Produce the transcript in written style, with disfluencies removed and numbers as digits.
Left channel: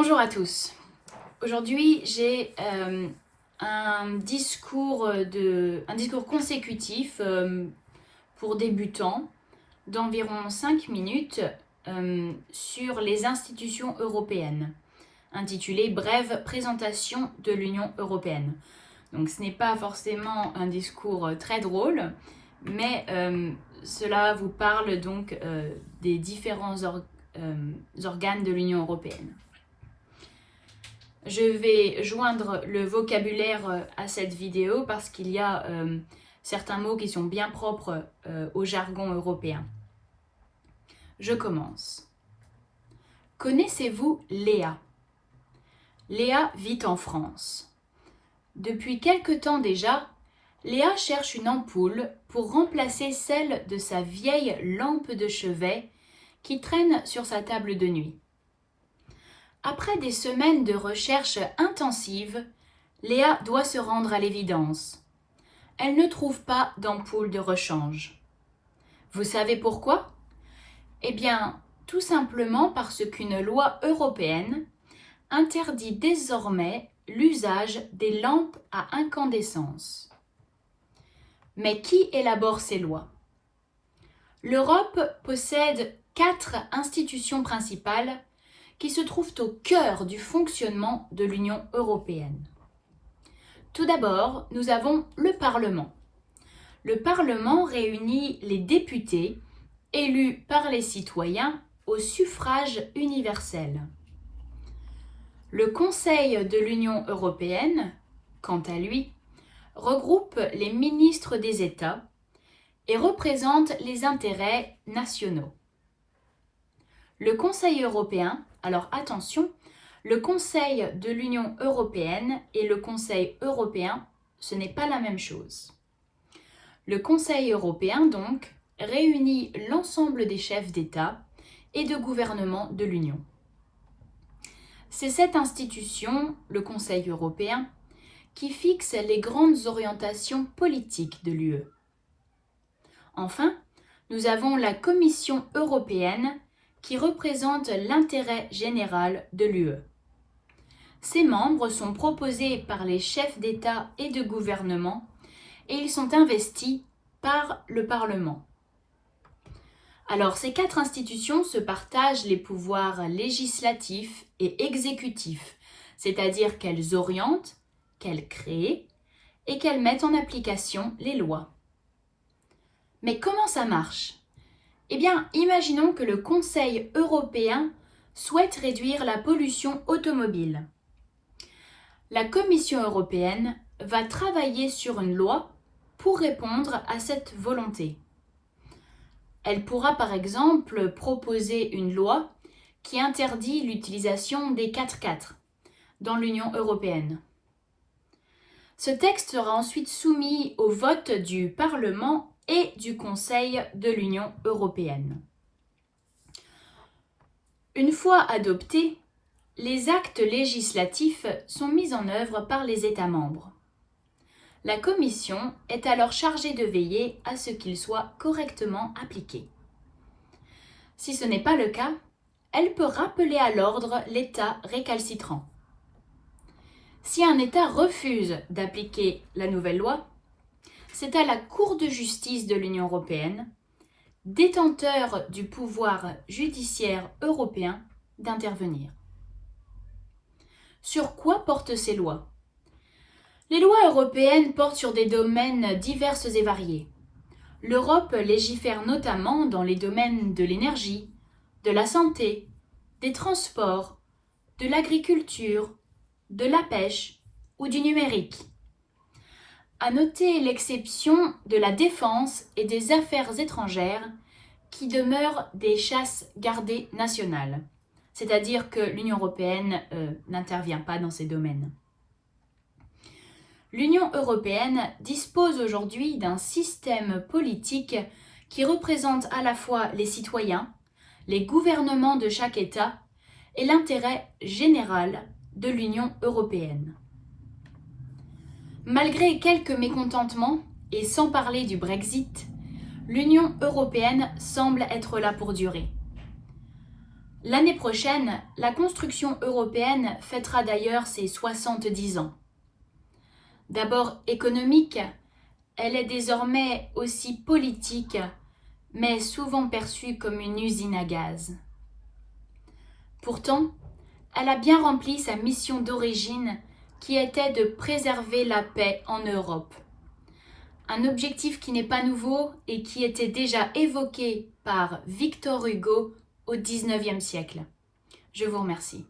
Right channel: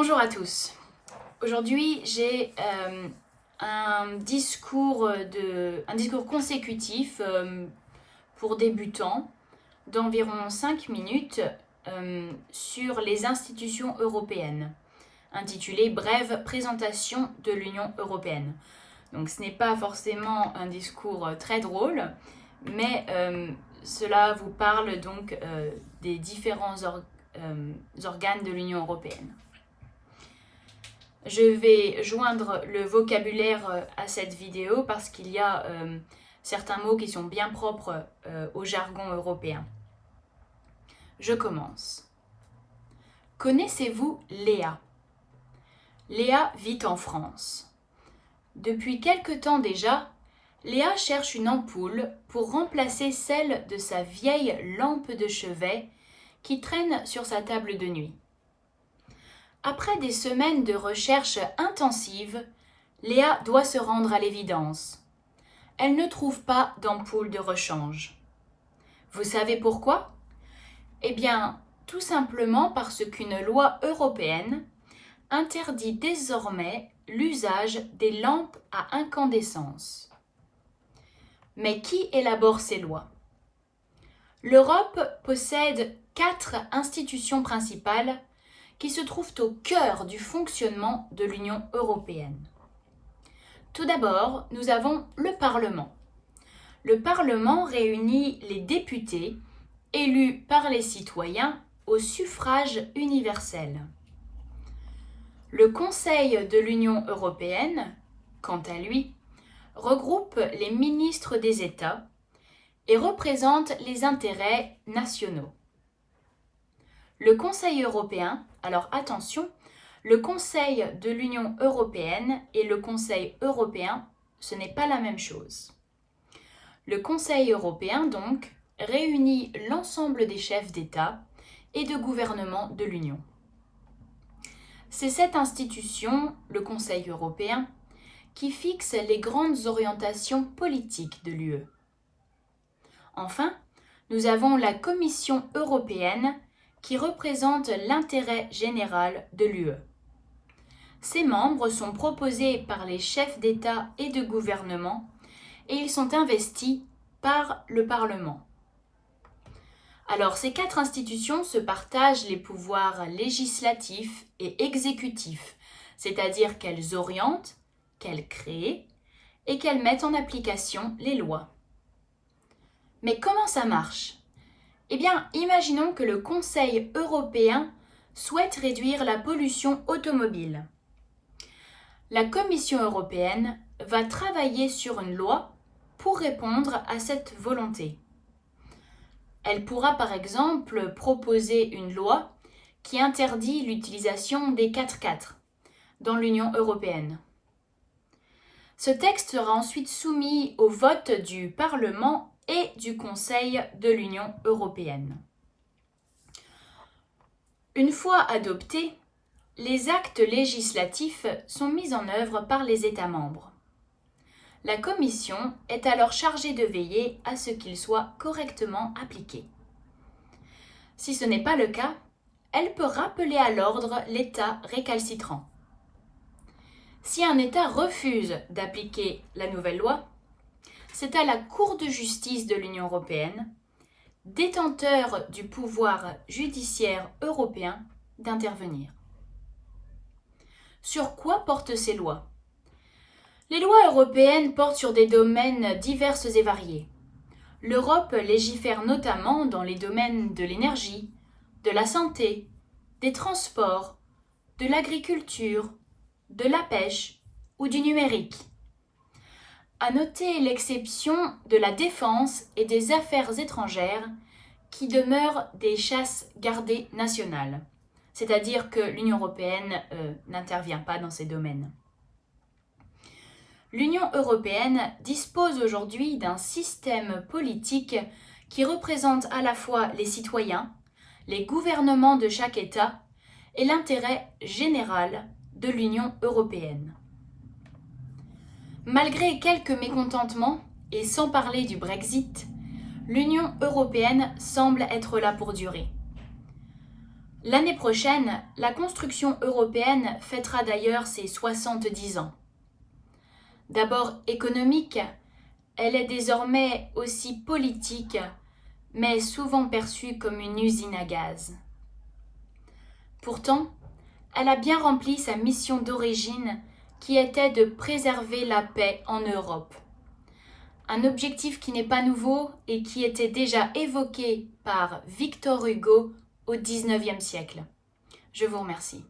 Bonjour à tous. Aujourd'hui, j'ai un discours consécutif pour débutants d'environ 5 minutes sur les institutions européennes, intitulé Brève présentation de l'Union européenne. Donc ce n'est pas forcément un discours très drôle, mais cela vous parle donc des différents organes de l'Union européenne. Je vais joindre le vocabulaire à cette vidéo parce qu'il y a certains mots qui sont bien propres au jargon européen. Je commence. Connaissez-vous Léa? Léa vit en France. Depuis quelque temps déjà, Léa cherche une ampoule pour remplacer celle de sa vieille lampe de chevet qui traîne sur sa table de nuit. Après des semaines de recherche intensive, Léa doit se rendre à l'évidence. Elle ne trouve pas d'ampoule de rechange. Vous savez pourquoi? Eh bien, tout simplement parce qu'une loi européenne interdit désormais l'usage des lampes à incandescence. Mais qui élabore ces lois? L'Europe possède 4 institutions principales qui se trouvent au cœur du fonctionnement de l'Union européenne. Tout d'abord, nous avons le Parlement. Le Parlement réunit les députés élus par les citoyens au suffrage universel. Le Conseil de l'Union européenne, quant à lui, regroupe les ministres des États et représente les intérêts nationaux. Le Conseil européen, alors attention, le Conseil de l'Union européenne et le Conseil européen, ce n'est pas la même chose. Le Conseil européen, donc, réunit l'ensemble des chefs d'État et de gouvernement de l'Union. C'est cette institution, le Conseil européen, qui fixe les grandes orientations politiques de l'UE. Enfin, nous avons la Commission européenne qui représente l'intérêt général de l'UE. Ces membres sont proposés par les chefs d'État et de gouvernement et ils sont investis par le Parlement. Alors, ces 4 institutions se partagent les pouvoirs législatifs et exécutifs, c'est-à-dire qu'elles orientent, qu'elles créent et qu'elles mettent en application les lois. Mais comment ça marche? Eh bien, imaginons que le Conseil européen souhaite réduire la pollution automobile. La Commission européenne va travailler sur une loi pour répondre à cette volonté. Elle pourra par exemple proposer une loi qui interdit l'utilisation des 4x4 dans l'Union européenne. Ce texte sera ensuite soumis au vote du Parlement et du Conseil de l'Union européenne. Une fois adoptés, les actes législatifs sont mis en œuvre par les États membres. La Commission est alors chargée de veiller à ce qu'ils soient correctement appliqués. Si ce n'est pas le cas, elle peut rappeler à l'ordre l'État récalcitrant. Si un État refuse d'appliquer la nouvelle loi, c'est à la Cour de justice de l'Union européenne, détenteur du pouvoir judiciaire européen, d'intervenir. Sur quoi portent ces lois? Les lois européennes portent sur des domaines divers et variés. L'Europe légifère notamment dans les domaines de l'énergie, de la santé, des transports, de l'agriculture, de la pêche ou du numérique. À noter l'exception de la défense et des affaires étrangères qui demeurent des chasses gardées nationales, c'est-à-dire que l'Union européenne n'intervient pas dans ces domaines. L'Union européenne dispose aujourd'hui d'un système politique qui représente à la fois les citoyens, les gouvernements de chaque État et l'intérêt général de l'Union européenne. Malgré quelques mécontentements, et sans parler du Brexit, l'Union européenne semble être là pour durer. L'année prochaine, la construction européenne fêtera d'ailleurs ses 70 ans. D'abord économique, elle est désormais aussi politique, mais souvent perçue comme une usine à gaz. Pourtant, elle a bien rempli sa mission d'origine qui était de préserver la paix en Europe. Un objectif qui n'est pas nouveau et qui était déjà évoqué par Victor Hugo au XIXe siècle. Je vous remercie.